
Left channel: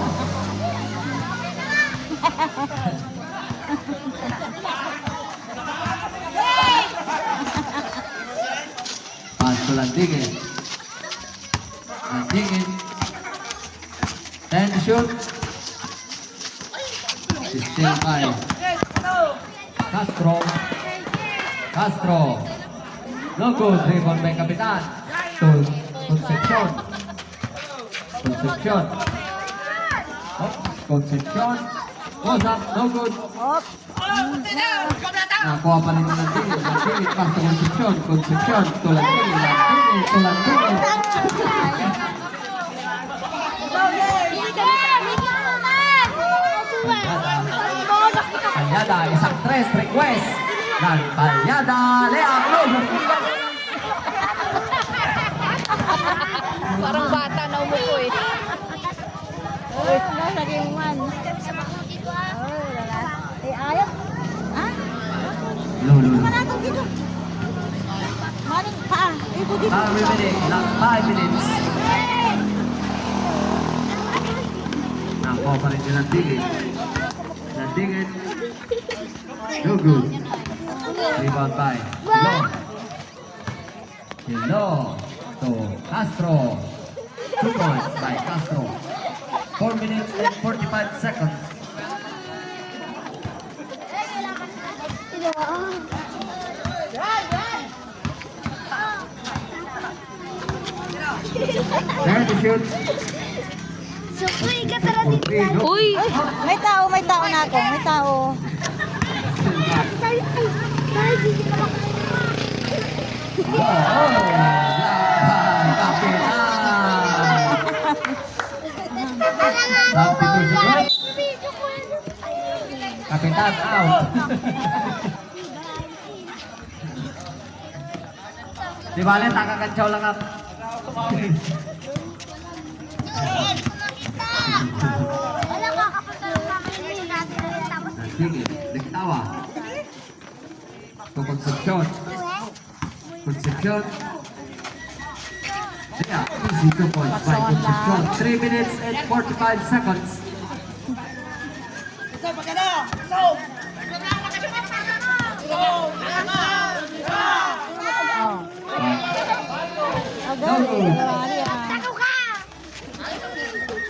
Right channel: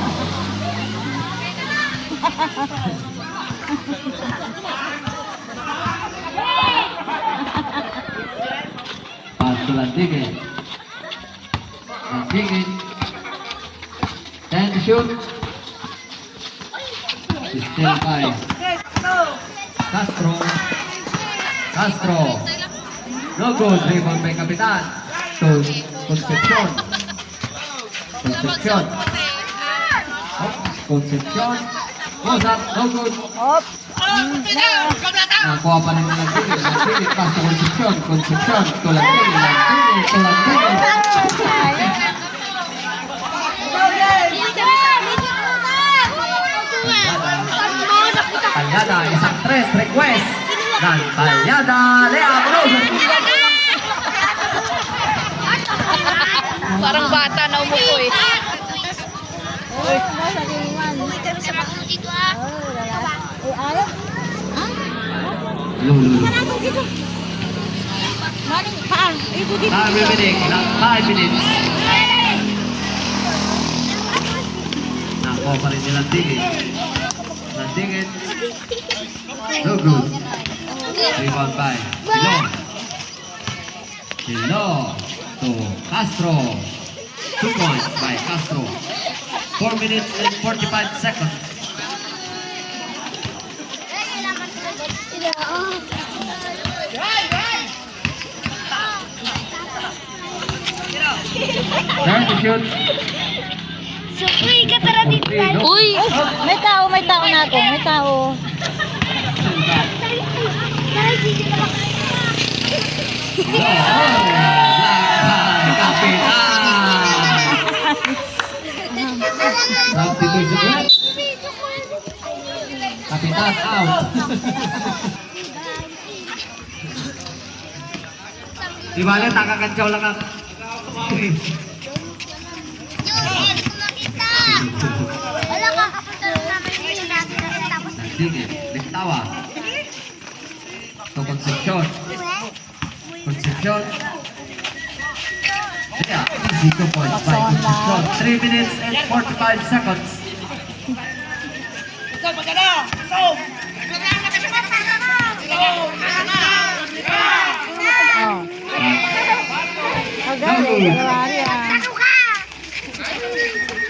Pass to Landingin. Landingin. 10 to shoot. Still by Castro. No good. Rebound by Kapitan. To Concepcion. Concepcion. Goes up. No good. Nakuha pa rin ng Landingin. Landingin. Pass to Concepcion. To Landingin. Palyada, isang tres, request. Dan Palyada, layup. Parang bata na umupo eh. Oh, nasa kinuman. Alat. Lulu. Maling paan. Time remaining, 5 minutes. Nakuha pa rin ni Landingin. Landingin. No good. Rebound by Hilo to Castro. 2 points by Castro. 4 minutes and 45 seconds. Time to shoot. Uy! May tao na ako. May tao. Kapitan out. Di bale, takakantsaw lang ako. Sige, Lintawa. To Concepcion. Yeah, easy 2 points by Concepcion. 3 minutes and 45 seconds.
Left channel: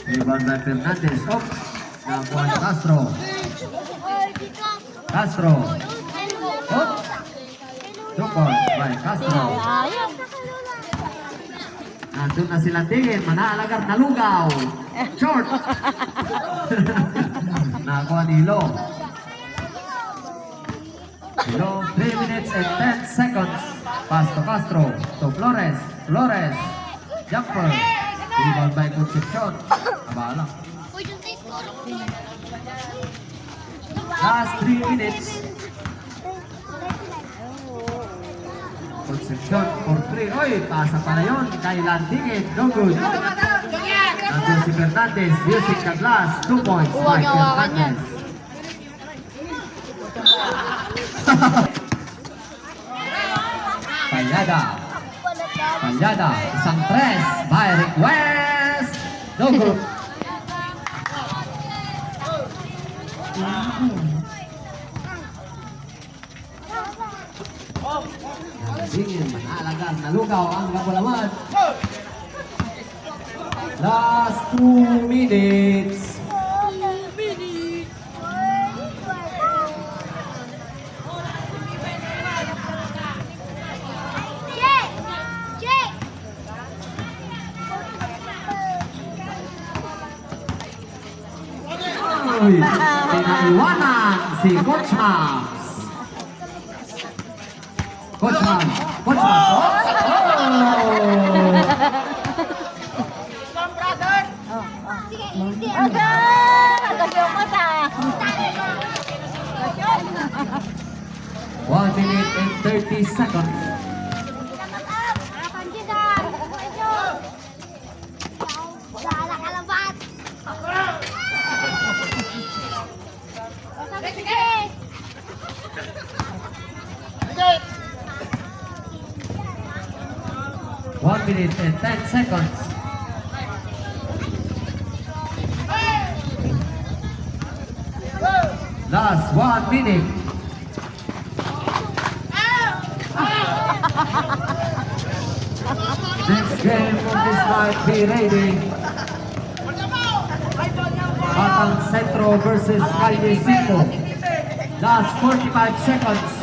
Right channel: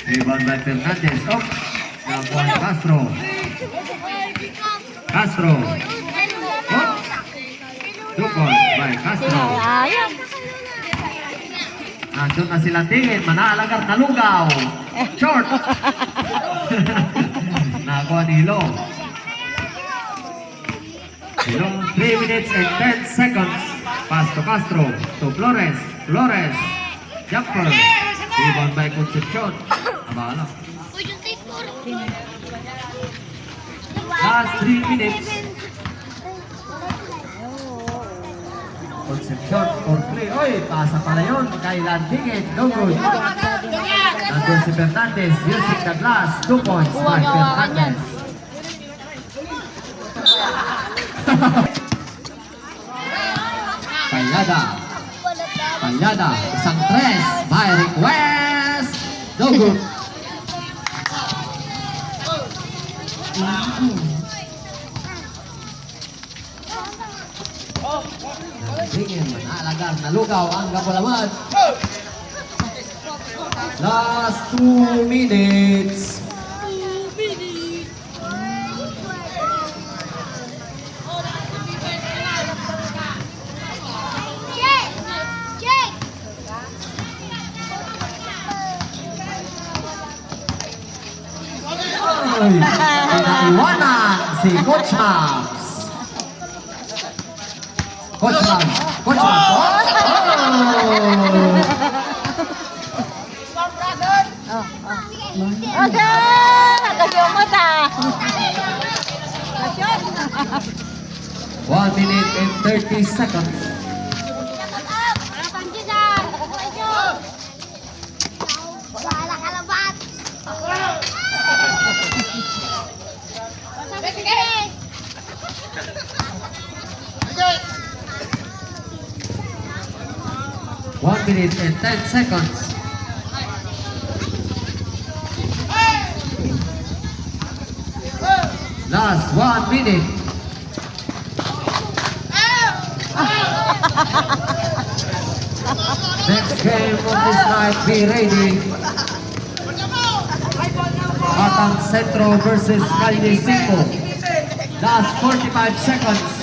Rebound by Fernandez. Oh, nakuha Castro. Oh, 2 points by Castro. Nandun na sila tingin, manaalagar na lugaw. Short. Nakakuha ni Hilo. 3 minutes and 10 seconds. Pass to Castro. To Flores. Jumper. Rebound by Concepcion. Abala. Last 3 minutes. Concepcion for 3. Oy, tasa pala yun. Kay Landingin. No good. Nandun si Fernandez. Using the glass. 2 points by Fernandez. Palyada. Isang tres. By request. No good. Landingin, alagan, nalugaw ang Kapulaman. Last 2 minutes. Ay, pinaiwanan si Coach Hams. Coach Hams. Oh! Agad yung mata. 1 minute and 30 seconds. Wala kalabat. One minute and 10 seconds. Last 1 minute. Next game of this night, be ready. Batang Centro versus Calde Cinco. Last 45 seconds.